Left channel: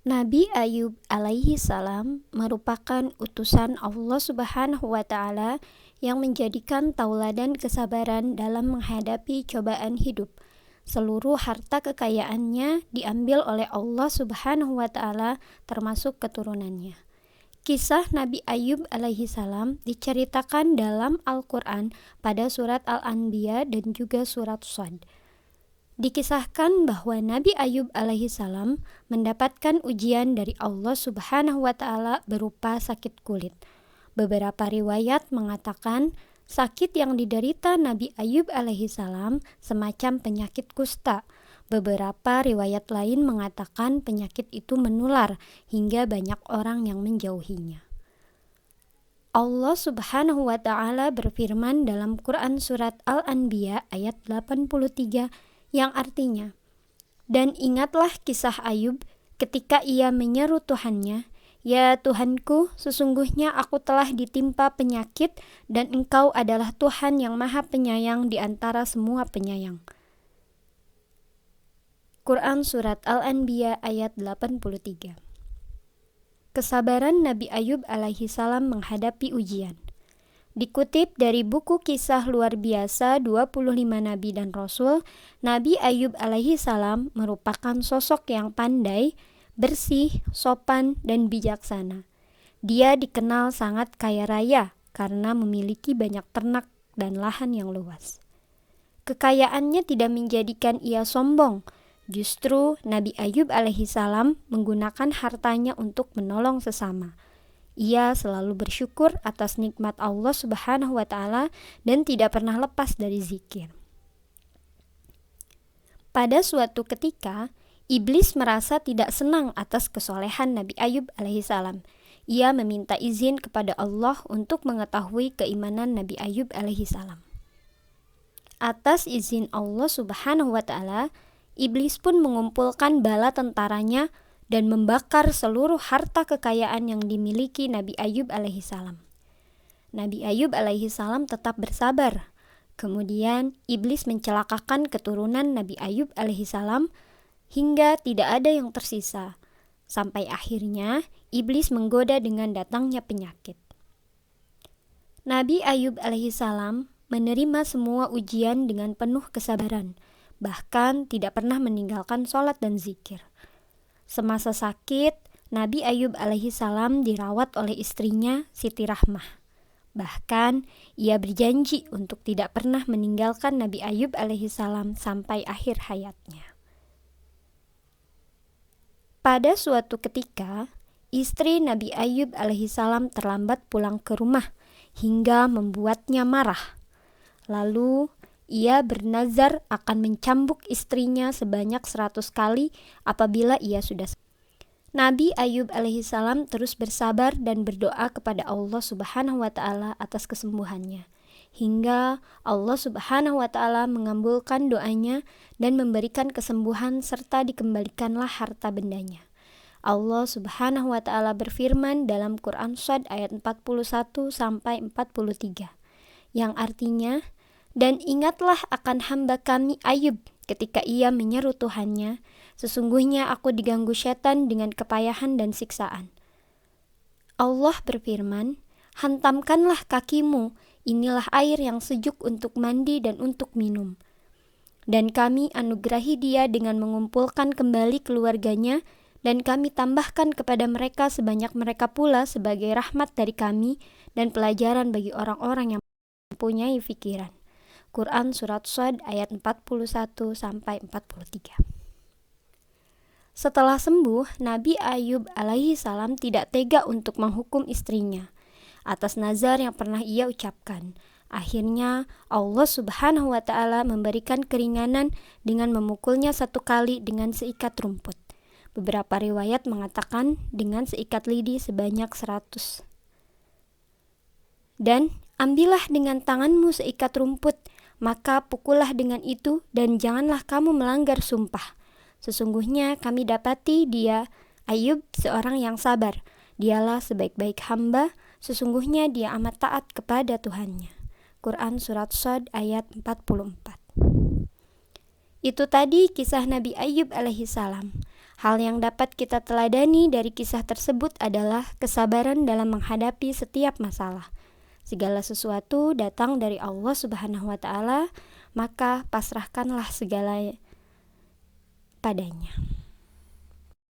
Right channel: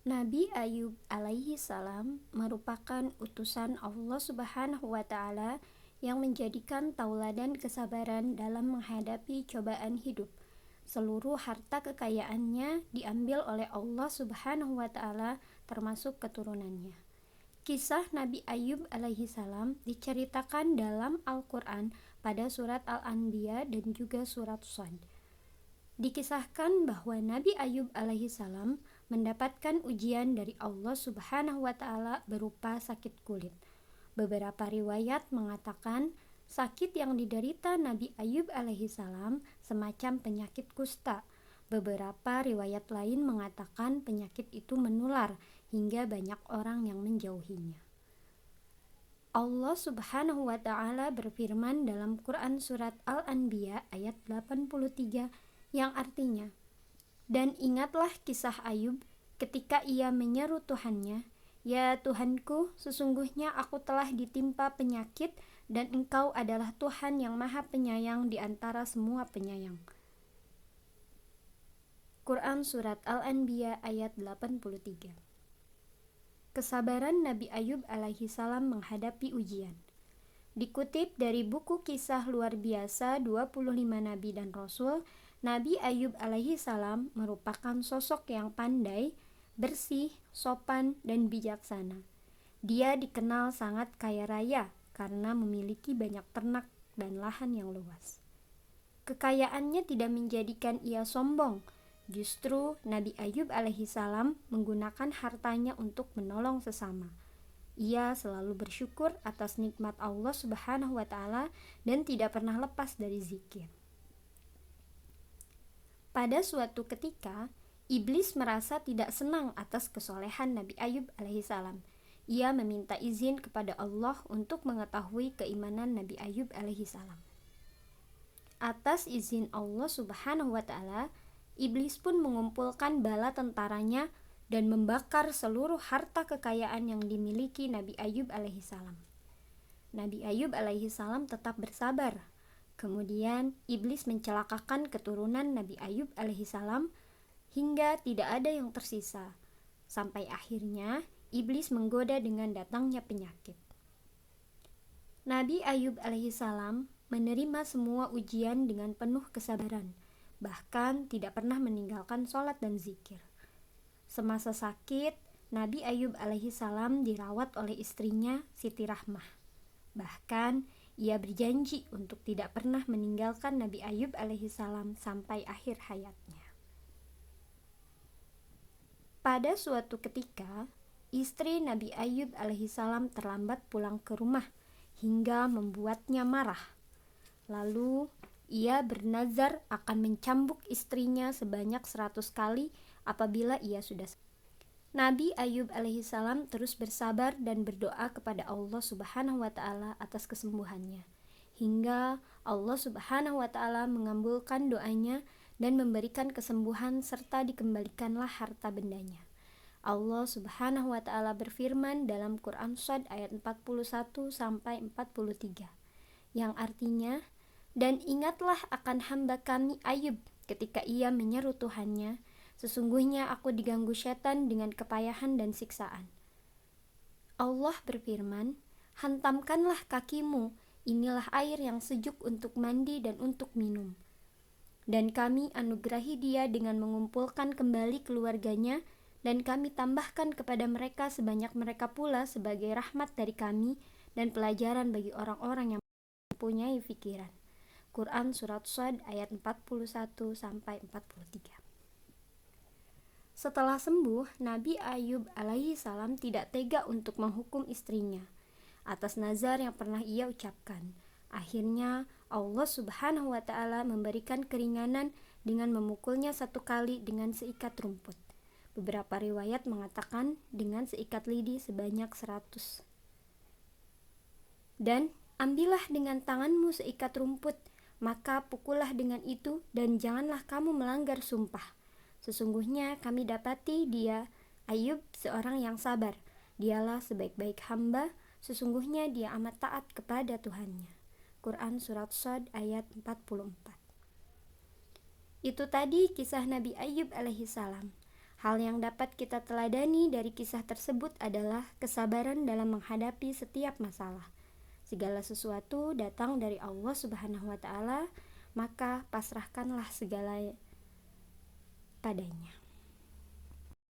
Nabi Ayub alaihi salam merupakan utusan Allah Subhanahu wa taala yang menjadikan tauladan kesabaran dalam menghadapi cobaan hidup. Seluruh harta kekayaannya diambil oleh Allah Subhanahu wa taala termasuk keturunannya. Kisah Nabi Ayub alaihi salam diceritakan dalam Al-Qur'an pada surat Al-Anbiya dan juga surat Shad. Dikisahkan bahwa Nabi Ayub alaihi salam mendapatkan ujian dari Allah Subhanahu wa taala berupa sakit kulit. Beberapa riwayat mengatakan sakit yang diderita Nabi Ayub alaihi salam semacam penyakit kusta. Beberapa riwayat lain mengatakan penyakit itu menular hingga banyak orang yang menjauhinya. Allah Subhanahu wa taala berfirman dalam Quran surat Al-Anbiya ayat 83 yang artinya, "Dan ingatlah kisah Ayub ketika ia menyeru Tuhannya, 'Ya Tuhanku, sesungguhnya aku telah ditimpa penyakit dan Engkau adalah Tuhan yang Maha Penyayang di antara semua penyayang.'" Quran surat Al-Anbiya ayat 83. Kesabaran Nabi Ayub alaihi salam menghadapi ujian. Dikutip dari buku Kisah Luar Biasa 25 Nabi dan Rasul, Nabi Ayub alaihi salam merupakan sosok yang pandai, bersih, sopan, dan bijaksana. Dia dikenal sangat kaya raya karena memiliki banyak ternak dan lahan yang luas. Kekayaannya tidak menjadikan ia sombong. Justru Nabi Ayub alaihi salam menggunakan hartanya untuk menolong sesama. Ia selalu bersyukur atas nikmat Allah Subhanahu wa taala dan tidak pernah lepas dari zikir. Pada suatu ketika, iblis merasa tidak senang atas kesolehan Nabi Ayub alaihi salam. Ia meminta izin kepada Allah untuk mengetahui keimanan Nabi Ayub alaihi salam. Atas izin Allah Subhanahu wa taala, iblis pun mengumpulkan bala tentaranya dan membakar seluruh harta kekayaan yang dimiliki Nabi Ayub alaihi salam. Nabi Ayub alaihi salam tetap bersabar. Kemudian iblis mencelakakan keturunan Nabi Ayub alaihi salam hingga tidak ada yang tersisa. Sampai akhirnya iblis menggoda dengan datangnya penyakit. Nabi Ayub alaihi salam menerima semua ujian dengan penuh kesabaran, bahkan tidak pernah meninggalkan sholat dan zikir. Semasa sakit, Nabi Ayub alaihi salam dirawat oleh istrinya Siti Rahmah. Bahkan, ia berjanji untuk tidak pernah meninggalkan Nabi Ayub alaihi salam sampai akhir hayatnya. Pada suatu ketika, istri Nabi Ayub alaihi salam terlambat pulang ke rumah hingga membuatnya marah. Lalu, ia bernazar akan mencambuk istrinya sebanyak 100 kali apabila ia sudah. Nabi Ayub alaihi salam terus bersabar dan berdoa kepada Allah Subhanahu wa taala atas kesembuhannya. Hingga Allah Subhanahu wa taala mengabulkan doanya dan memberikan kesembuhan serta dikembalikanlah harta bendanya. Allah Subhanahu wa taala berfirman dalam Quran Shad ayat 41 sampai 43 yang artinya, "Dan ingatlah akan hamba kami Ayub ketika ia menyeru Tuhannya, sesungguhnya aku diganggu setan dengan kepayahan dan siksaan." Allah berfirman, "Hantamkanlah kakimu, inilah air yang sejuk untuk mandi dan untuk minum." Dan kami anugerahi dia dengan mengumpulkan kembali keluarganya, dan kami tambahkan kepada mereka sebanyak mereka pula sebagai rahmat dari kami dan pelajaran bagi orang-orang yang mempunyai fikiran. Quran Surat Shad ayat 41 sampai 43. Setelah sembuh, Nabi Ayub alaihi salam tidak tega untuk menghukum istrinya atas nazar yang pernah ia ucapkan. Akhirnya Allah Subhanahu wa taala memberikan keringanan dengan memukulnya 1 kali dengan seikat rumput. Beberapa riwayat mengatakan dengan seikat lidi sebanyak 100. Dan ambillah dengan tanganmu seikat rumput, maka pukullah dengan itu dan janganlah kamu melanggar sumpah. Sesungguhnya kami dapati dia, Ayub, seorang yang sabar. Dialah sebaik-baik hamba, sesungguhnya dia amat taat kepada Tuhannya. Quran Surat Shad ayat 44. Itu tadi kisah Nabi Ayub alaihi salam. Hal yang dapat kita teladani dari kisah tersebut adalah kesabaran dalam menghadapi setiap masalah. Segala sesuatu datang dari Allah Subhanahu wa Ta'ala, maka pasrahkanlah segala padanya.